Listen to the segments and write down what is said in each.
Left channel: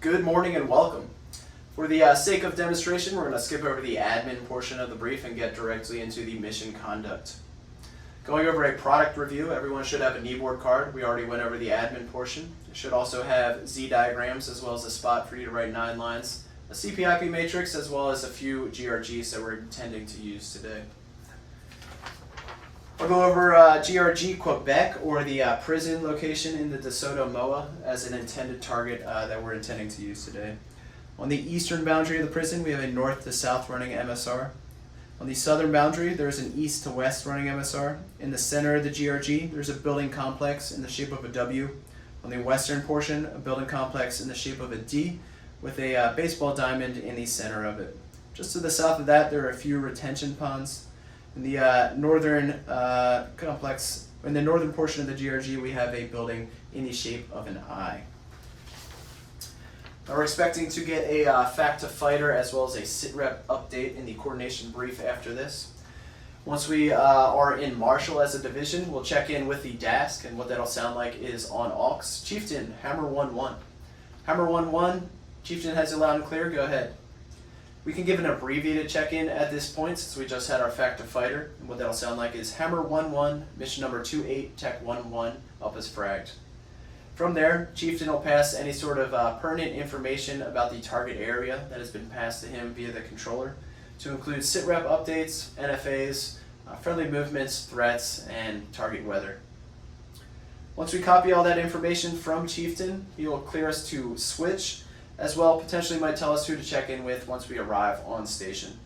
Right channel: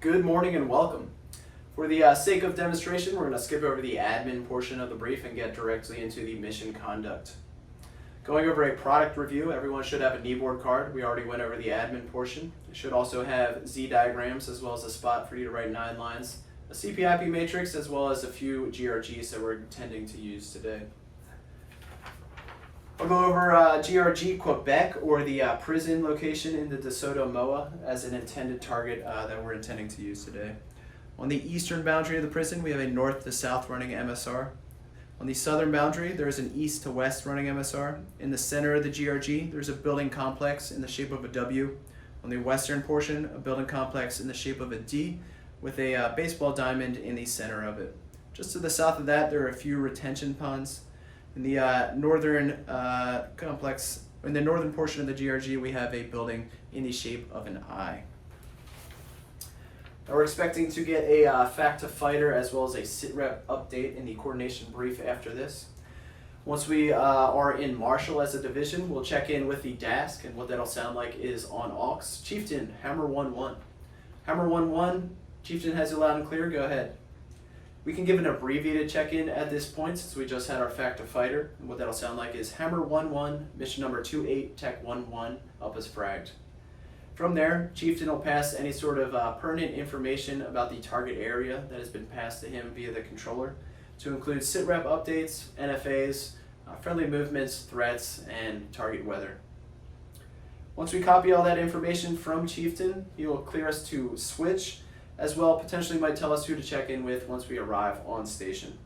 Good morning and welcome. For the sake of demonstration, we're going to skip over the admin portion of the brief and get directly into the mission conduct. Going over a product review, everyone should have a kneeboard card. We already went over the admin portion. It should also have Z diagrams as well as a spot for you to write 9 lines, a CPIP matrix, as well as a few GRGs that we're intending to use today. I'll go over GRG Quebec, or the prison location in the DeSoto MOA, as an intended target that we're intending to use today. On the eastern boundary of the prison, we have a north to south running MSR. On the southern boundary, there is an east to west running MSR. In the center of the GRG, there's a building complex in the shape of a W. On the western portion, a building complex in the shape of a D with a baseball diamond in the center of it. Just to the south of that, there are a few retention ponds. In the northern complex, in the northern portion of the GRG, we have a building in the shape of an I. Now we're expecting to get a fact to fighter as well as a sit rep update in the coordination brief after this. Once we are in Marshall as a division, we'll check in with the DASC, and what that'll sound like is on aux. Chieftain, hammer 1-1. Hammer 1-1, Chieftain has you loud and clear, go ahead. We can give an abbreviated check-in at this point since we just had our fact to fighter, and what that'll sound like is hammer 1-1, mission number 28, tech 1-1, up as fragged. From there, Chieftain will pass any sort of pertinent information about the target area that has been passed to him via the controller, to include sit-rep updates, NFAs, friendly movements, threats, and target weather. Once we copy all that information from Chieftain, he will clear us to switch, as well potentially might tell us who to check in with once we arrive on station.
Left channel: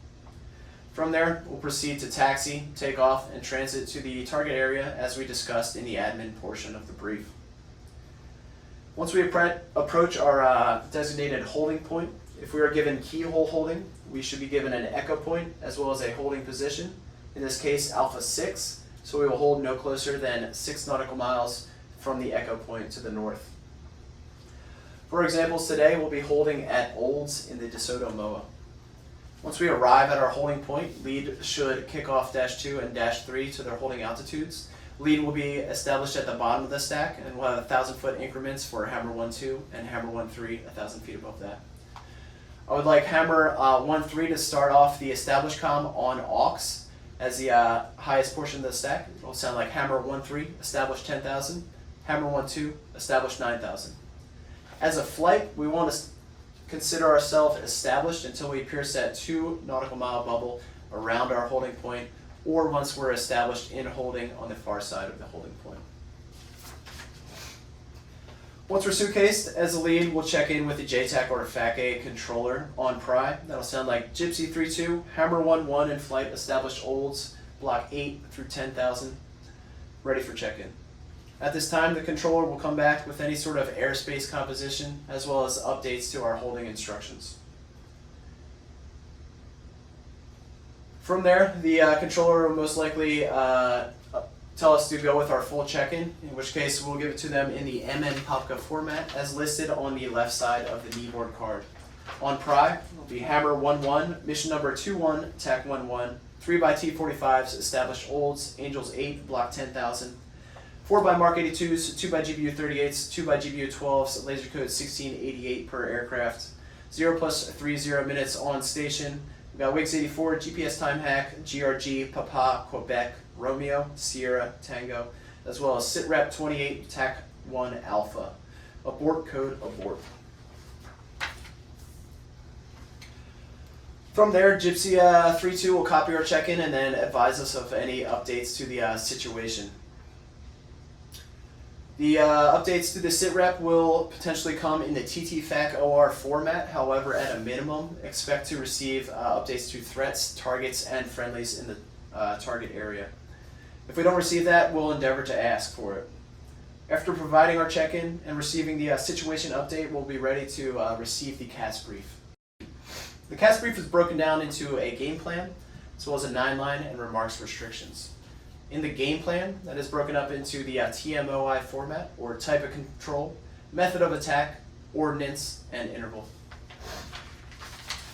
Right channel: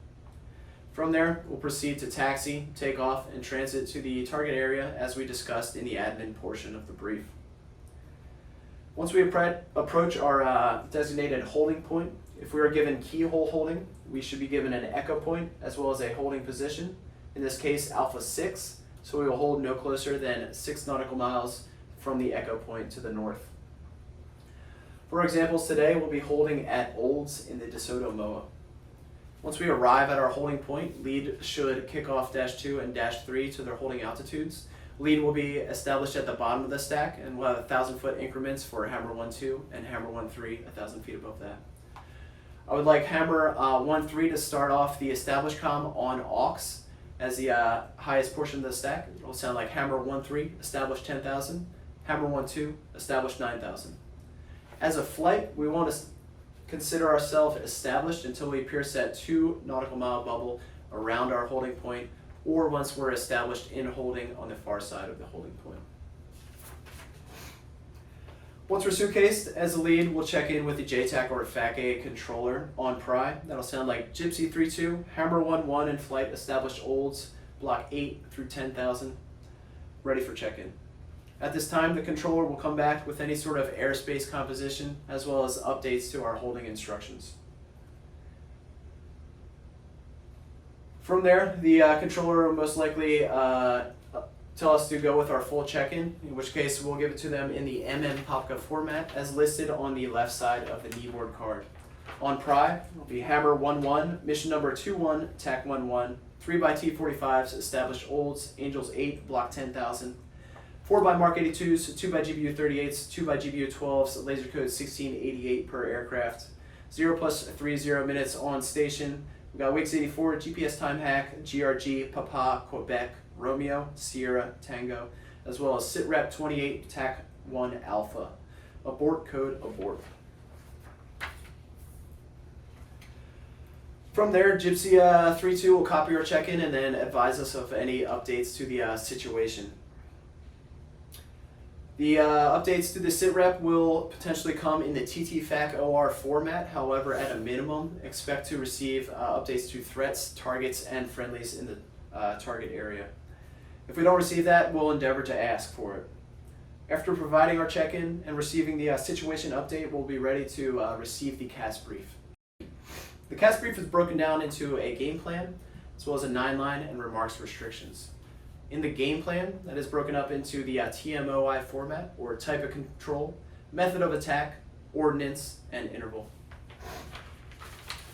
From there, we'll proceed to taxi, take off, and transit to the target area as we discussed in the admin portion of the brief. Once we approach our designated holding point, if we are given keyhole holding, we should be given an echo point as well as a holding position, in this case alpha 6, so we will hold no closer than 6 nautical miles from the echo point to the north. For examples today, we'll be holding at Olds in the DeSoto MOA. Once we arrive at our holding point, lead should kick off -2 and -3 to their holding altitudes. Lead will be established at the bottom of the stack, and we'll have 1,000-foot increments for hammer 1-2 and hammer 1-3, 1,000 feet above that. I would like hammer 1-3 to start off the established comm on aux as the highest portion of the stack. It will sound like hammer 1-3, establish 10,000, hammer 1-2, establish 9,000. As a flight, we want to consider ourselves established until we pierce that 2 nautical mile bubble around our holding point, or once we're established in holding on the far side of the holding point. Once we're suitcased, as a lead, we'll check in with the JTAC or FAC-A controller on pry. That'll sound like Gypsy 3-2, hammer 1-1 in flight, established Olds, block 8 through 10,000, ready for check-in. At this time, the controller will come back with any sort of airspace composition as well as updates to our holding instructions. From there, the controller will most likely tell us to go with our full check-in, in which case we'll give it to them in the MN Popka format as listed on the left side of the kneeboard card. On pry, will be hammer 1-1, mission number 2-1, tac 1-1, 3x T45s, established Olds, Angels 8, block 10,000. 4x Mark 82s, 2x GBU 38s, 2x GBU 12s, laser code 1688 per aircraft. 0+30 minutes on station. We've got Wix 84, GPS time hack, GRG, Papa, Quebec, Romeo, Sierra, Tango, as well as SITREP 28, TAC 1 Alpha. Abort code abort. From there, Gypsy 3-2 will copy our check-in and then advise us of any updates to the situation. The updates to the SITREP will potentially come in the TTFAC OR format. However, at a minimum, expect to receive updates to threats, targets, and friendlies in the target area. If we don't receive that, we'll endeavor to ask for it. After providing our check-in and receiving the situation update, we'll be ready to receive the CAS Brief. The CAS Brief is broken down into a game plan, as well as a 9-line and remarks restrictions. In the game plan, that is broken up into the TMOI format, or type of control, method of attack, ordnance, and interval.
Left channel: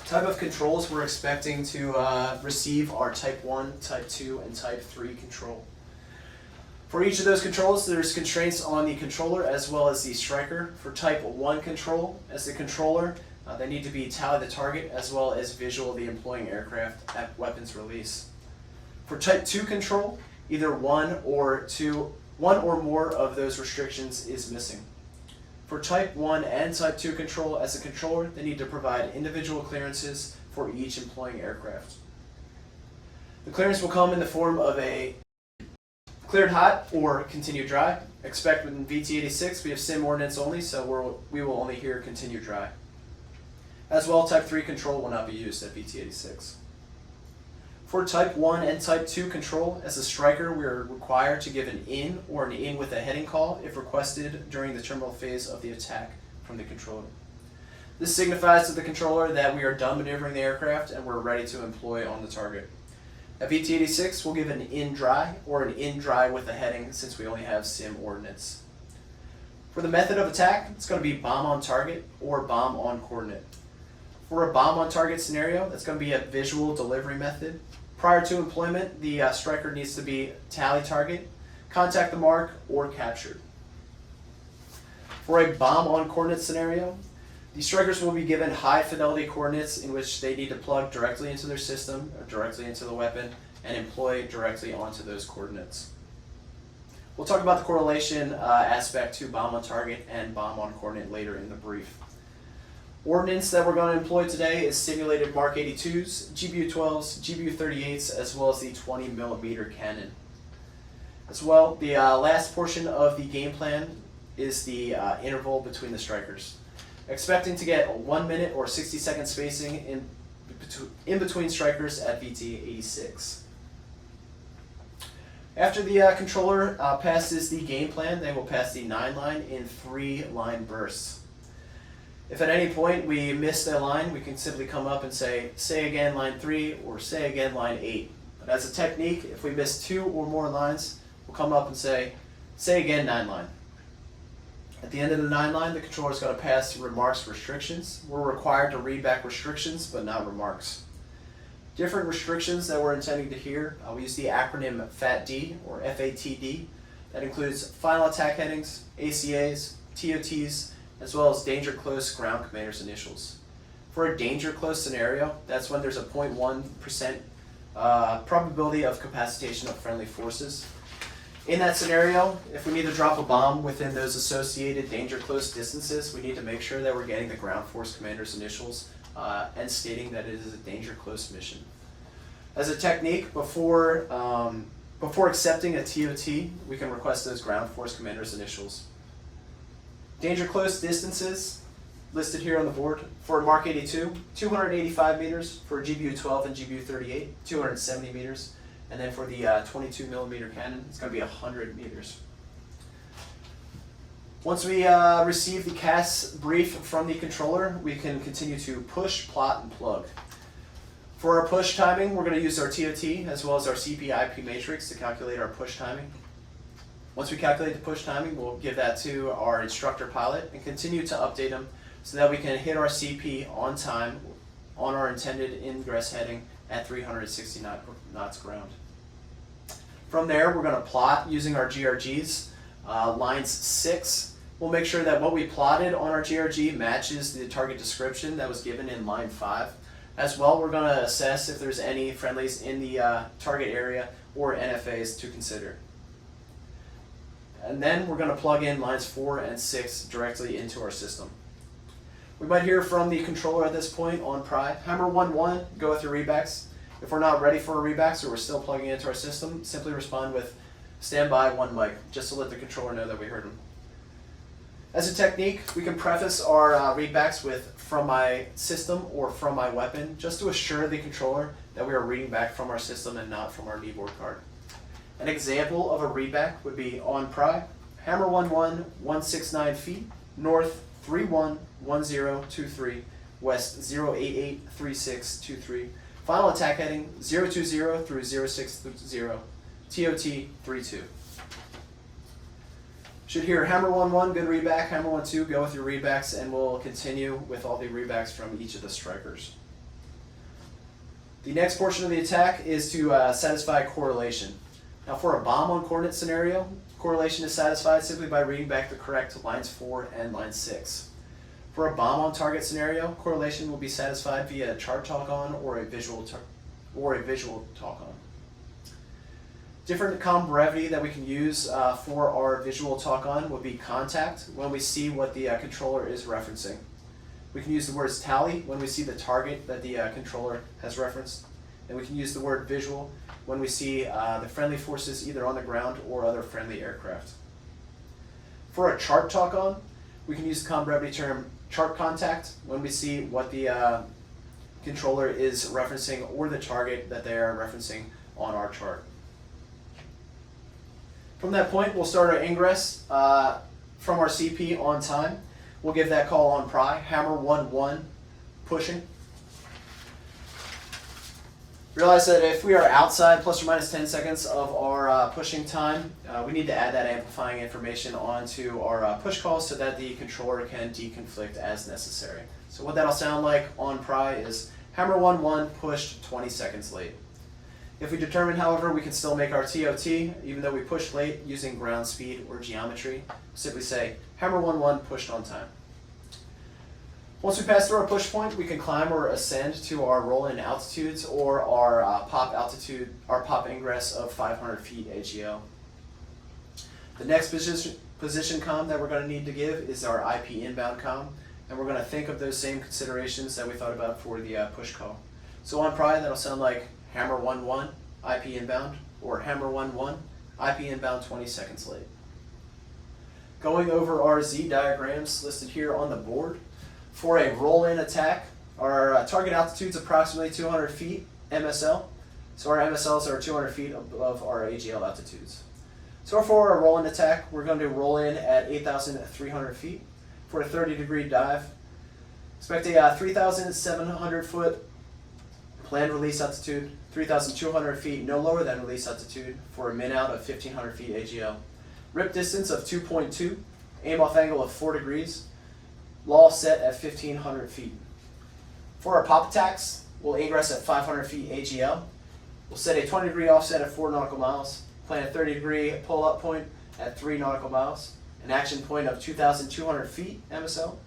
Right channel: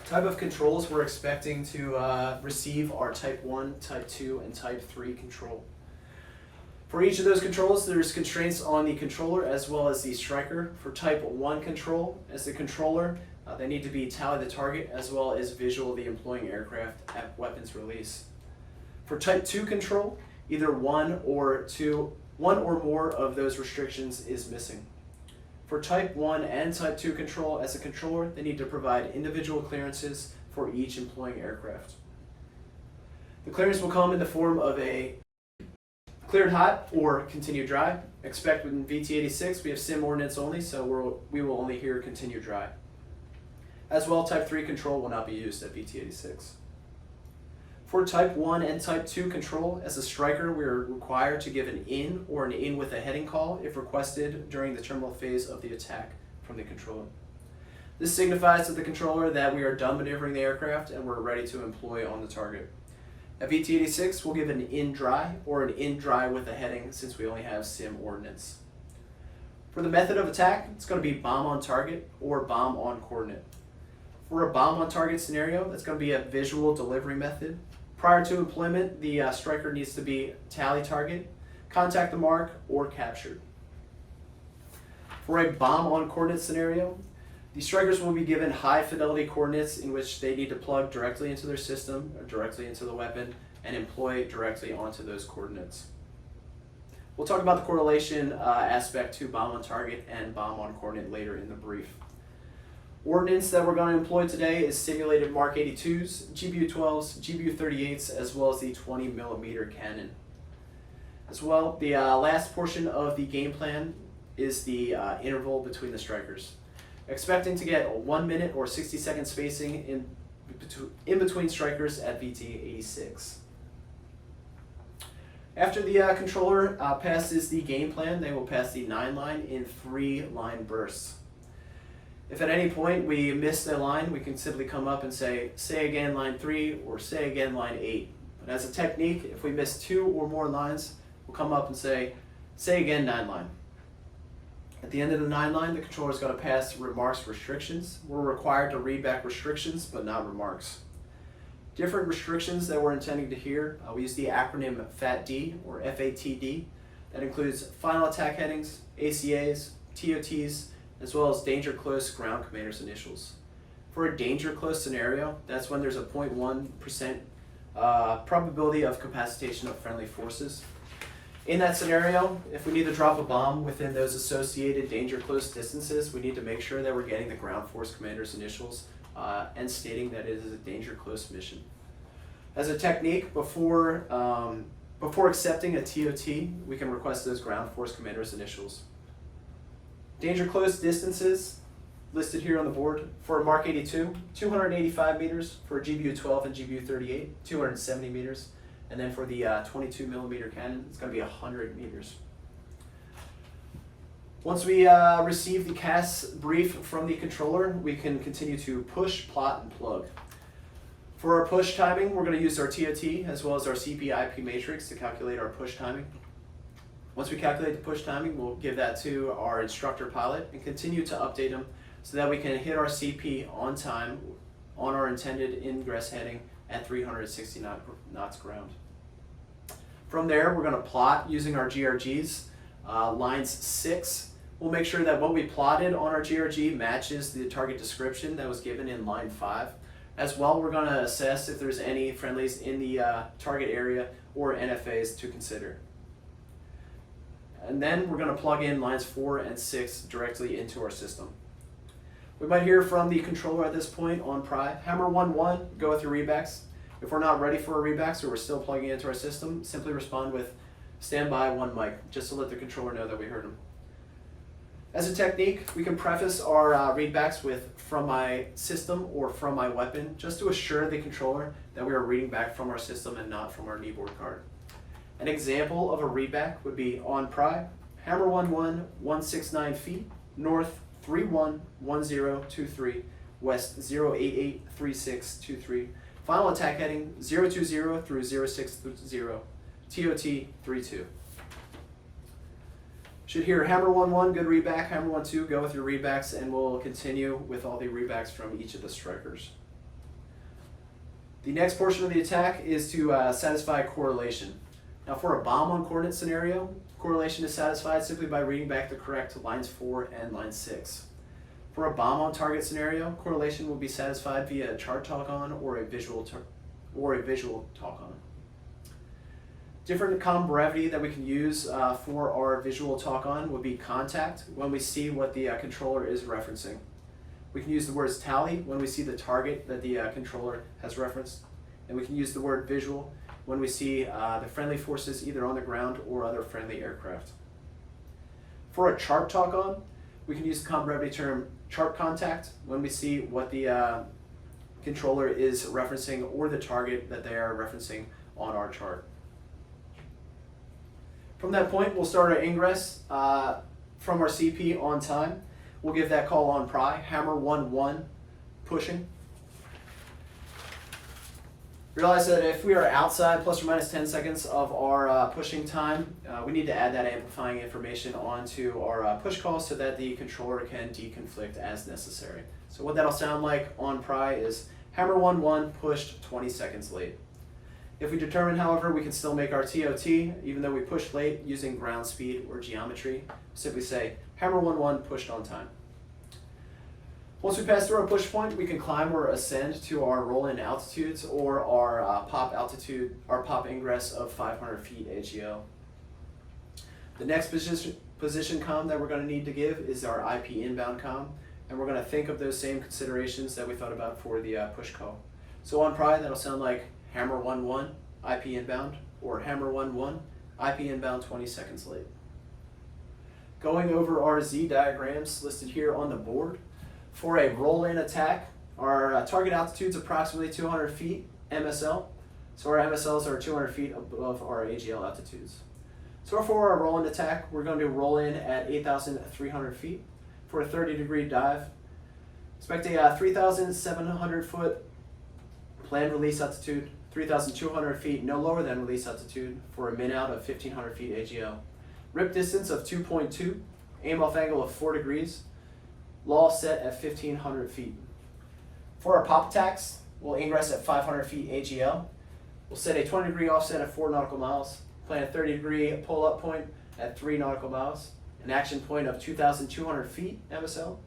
Type of controls we're expecting to receive are type 1, type 2, and type 3 control. For each of those controls, there's constraints on the controller as well as the striker. For type 1 control, as the controller, they need to be tally the target as well as visual the employing aircraft at weapons release. For type 2 control, either one or more of those restrictions is missing. For type 1 and type 2 control, as a controller, they need to provide individual clearances for each employing aircraft. The clearance will come in the form of a cleared hot or continued dry. Expect in VT86 we have sim ordnance only, so we will only hear continued dry. As well, type 3 control will not be used at VT86. For type 1 and type 2 control, as a striker, we are required to give an in or an in with a heading call if requested during the terminal phase of the attack from the controller. This signifies to the controller that we are done maneuvering the aircraft and we're ready to employ on the target. At VT86, we'll give an in dry or an in dry with a heading since we only have sim ordnance. For the method of attack, it's going to be bomb on target or bomb on coordinate. For a bomb on target scenario, that's going to be a visual delivery method. Prior to employment, the striker needs to be tally target, contact the mark, or captured. For a bomb on coordinate scenario, the strikers will be given high fidelity coordinates in which they need to plug directly into their system or directly into the weapon and employ directly onto those coordinates. We'll talk about the correlation aspect to bomb on target and bomb on coordinate later in the brief. Ordnance that we're going to employ today is simulated Mark 82s, GBU-12s, GBU-38s, as well as the 20mm cannon. As well, the last portion of the game plan is the interval between the strikers. Expecting to get 1 minute or 60-second spacing in between strikers at VT86. After the controller passes the game plan, they will pass the 9 line in 3 line bursts. If at any point we miss their line, we can simply come up and say again line 3 or say again line 8. But as a technique, if we miss 2 or more lines, we'll come up and say again 9 line. At the end of the 9 line, the controller is going to pass remarks restrictions. We're required to read back restrictions, but not remarks. Different restrictions that we're intending to hear, we use the acronym FATD or FATD. That includes final attack headings, ACAs, TOTs, as well as danger close ground commander's initials. For a danger close scenario, that's when there's a 0.1% probability of capacitation of friendly forces. In that scenario, if we need to drop a bomb within those associated danger close distances, we need to make sure that we're getting the ground force commander's initials and stating that it is a danger close mission. As a technique, before accepting a TOT, we can request those ground force commander's initials. Danger close distances listed here on the board. For Mark 82, 285 meters. For GBU-12 and GBU-38, 270 meters. And then for the 22mm cannon, it's going to be 100 meters. Once we receive the CAS brief from the controller, we can continue to push, plot, and plug. For our push timing, we're going to use our TOT as well as our CP-IP matrix to calculate our push timing. Once we calculate the push timing, we'll give that to our instructor pilot and continue to update them so that we can hit our CP on time on our intended ingress heading at 360 knots ground. From there, we're going to plot using our GRGs. Lines 6, we'll make sure that what we plotted on our GRG matches the target description that was given in line 5. As well, we're going to assess if there's any friendlies in the target area or NFAs to consider. And then we're going to plug in lines 4 and 6 directly into our system. We might hear from the controller at this point on Pry. Hammer 1-1, go with your rebacks. If we're not ready for a reback, or we're still plugging into our system, simply respond with standby 1 mic, just to let the controller know that we heard him. As a technique, we can preface our readbacks with from my system or from my weapon, just to assure the controller that we are reading back from our system and not from our kneeboard card. An example of a readback would be on Pry, Hammer 1-1, 169 feet, north 311023, west 0883623. Final attack heading 020 through 060, TOT 32. Should hear Hammer 1-1, good readback, Hammer 1-2, go with your readbacks, and we'll continue with all the readbacks from each of the strikers. The next portion of the attack is to satisfy correlation. Now for a bomb on coordinate scenario, correlation is satisfied simply by reading back the correct lines 4 and line 6. For a bomb on target scenario, correlation will be satisfied via a chart talk on or a visual talk on. Different comm brevity that we can use for our visual talk on would be contact when we see what the controller is referencing. We can use the words tally when we see the target that the controller has referenced. And we can use the word visual when we see the friendly forces either on the ground or other friendly aircraft. For a chart talk on, we can use the comm brevity term chart contact when we see what the controller is referencing or the target that they are referencing on our chart. From that point, we'll start our ingress from our CP on time. We'll give that call on pry, hammer 1-1, pushing. Realize that if we are outside plus or minus 10 seconds of our pushing time, we need to add that amplifying information onto our push call so that the controller can deconflict as necessary. So what that'll sound like on pry is hammer 1-1, pushed 20 seconds late. If we determine, however, we can still make our TOT, even though we pushed late using ground speed or geometry, simply say hammer 1-1, pushed on time. Once we pass through our push point, we can climb or ascend to our roll-in altitudes or our pop altitude, our pop ingress of 500 feet AGL. The next position comm that we're going to need to give is our IP inbound comm, and we're going to think of those same considerations that we thought about for the push call. So on pry, that'll sound like hammer 1-1, IP inbound, or hammer 1-1, IP inbound 20 seconds late. Going over our Z diagrams listed here on the board, for a roll-in attack, our target altitude is approximately 200 feet MSL, so our MSLs are 200 feet above our AGL altitudes. So for our roll-in attack, we're going to roll in at 8,300 feet. For a 30-degree dive, expect a 3,700 foot planned release altitude, 3,200 feet no lower than release altitude for a min-out of 1,500 feet AGL. Rip distance of 2.2, aim off angle of 4 degrees, law set at 1,500 feet. For our pop attacks, we'll ingress at 500 feet AGL. We'll set a 20-degree offset at 4 nautical miles, plan a 30-degree pull-up point at 3 nautical miles, an action point of 2,200 feet MSL,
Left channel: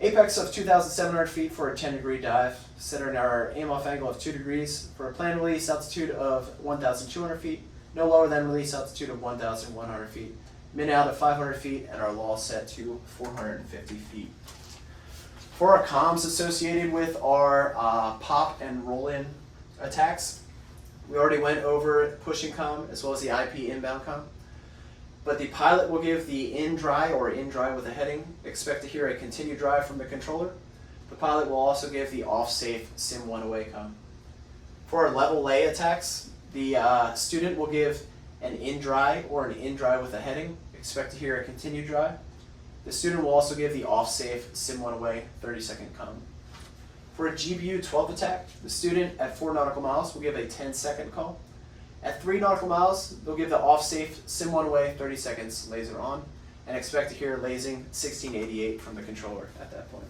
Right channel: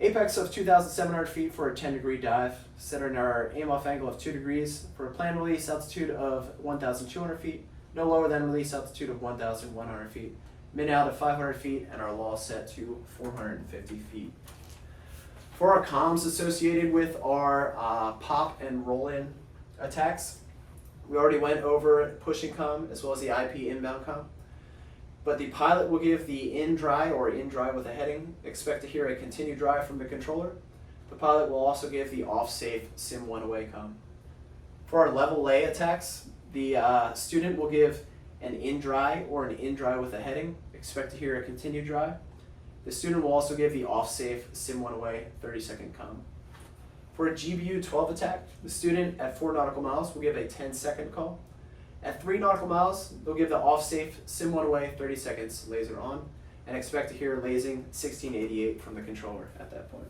apex of 2,700 feet for a 10-degree dive, setting our aim-off angle of 2 degrees for a planned release altitude of 1,200 feet, no lower than release altitude of 1,100 feet, min-out of 500 feet, and our law set to 450 feet. For our comms associated with our pop and roll-in attacks, we already went over pushing comm as well as the IP inbound comm. But the pilot will give the in dry or in dry with a heading. Expect to hear a continue dry from the controller. The pilot will also give the off safe sim 1 away comm. For our level lay attacks, the student will give an in dry or an in dry with a heading. Expect to hear a continue dry. The student will also give the off safe sim 1 away 30-second comm. For a GBU 12 attack, the student at 4 nautical miles will give a 10-second call. At 3 nautical miles, they'll give the off-safe sim 1 away 30 seconds laser on, and expect to hear lasing 1688 from the controller at that point.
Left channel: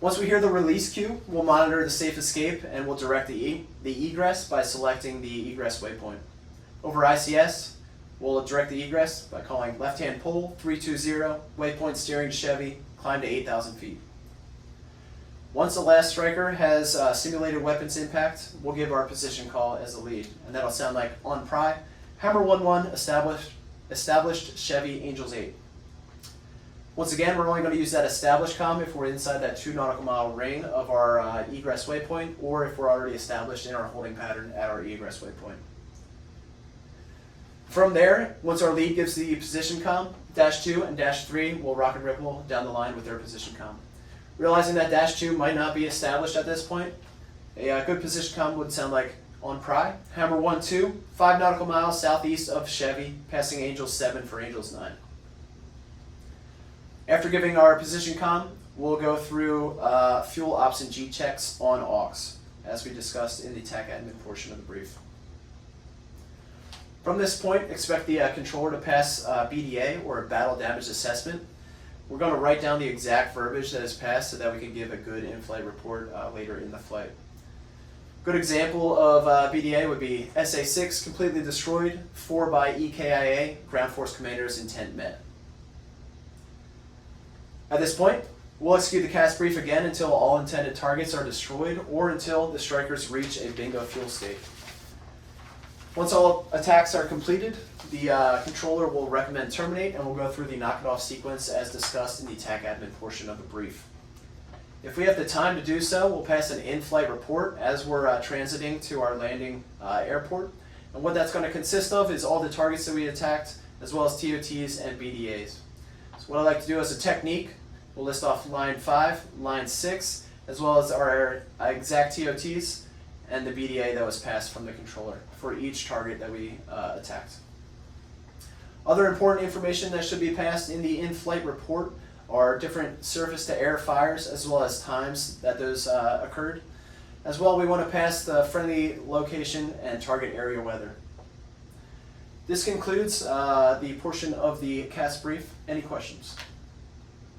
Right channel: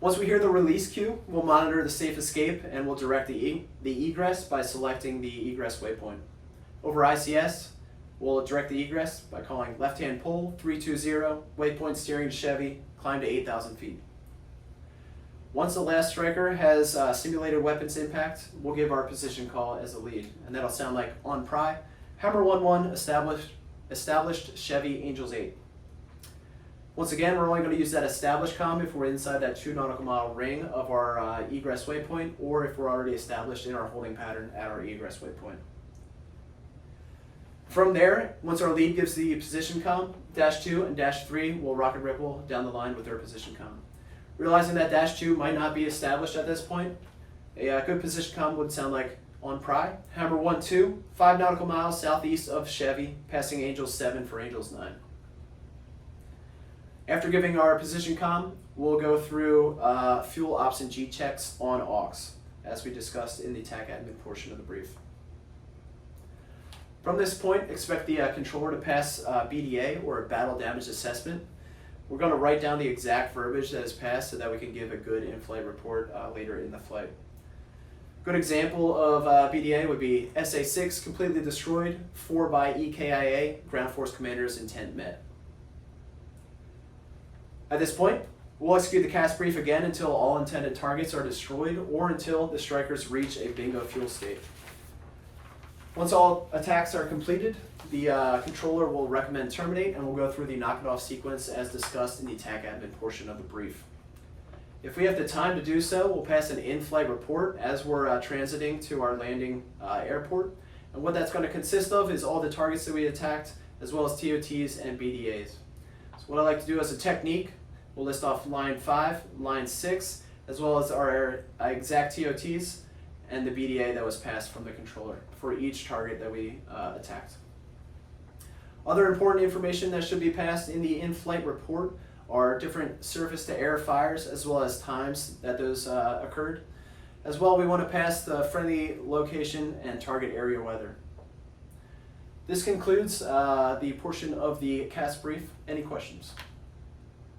Once we hear the release cue, we'll monitor the safe escape and we'll direct the egress by selecting the egress waypoint. Over ICS, we'll direct the egress by calling left-hand pull 320, waypoint steering to Chevy, climb to 8,000 feet. Once the last striker has simulated weapons impact, we'll give our position call as a lead, and that'll sound like on pry, hammer 1-1, established Chevy Angels 8. Once again, we're only going to use that established comm if we're inside that 2 nautical mile ring of our egress waypoint, or if we're already established in our holding pattern at our egress waypoint. From there, once our lead gives the position comm, dash 2 and dash 3 will rock and ripple down the line with their position comm. Realizing that dash 2 might not be established at this point, a good position comm would sound like on pry, hammer 1-2, 5 nautical miles southeast of Chevy, passing Angels 7 for Angels 9. After giving our position comm, we'll go through fuel ops and G checks on aux, as we discussed in the TAC admin portion of the brief. From this point, expect the controller to pass BDA, or a battle damage assessment. We're going to write down the exact verbiage that is passed so that we can give a good in-flight report later in the flight. Good example of BDA would be SA-6 completely destroyed, 4 by EKIA, ground force commander's intent met. At this point, we'll execute the CAS brief again until all intended targets are destroyed or until the strikers reach a bingo fuel state. Once all attacks are completed, the controller will recommend terminate, and we'll go through the knock it off sequence as discussed in the TAC admin portion of the brief. If we have the time to do so, we'll pass an in-flight report as we're transiting to our landing airport. And what that's going to consist of is all the targets that we attacked, as well as TOTs and BDAs. So what I like to do as a technique, we'll list off line 5, line 6, as well as our exact TOTs and the BDA that was passed from the controller for each target that we attacked. Other important information that should be passed in the in-flight report are different surface-to-air fires as well as times that those occurred. As well, we want to pass the friendly location and target area weather. This concludes the portion of the CAS brief. Any questions?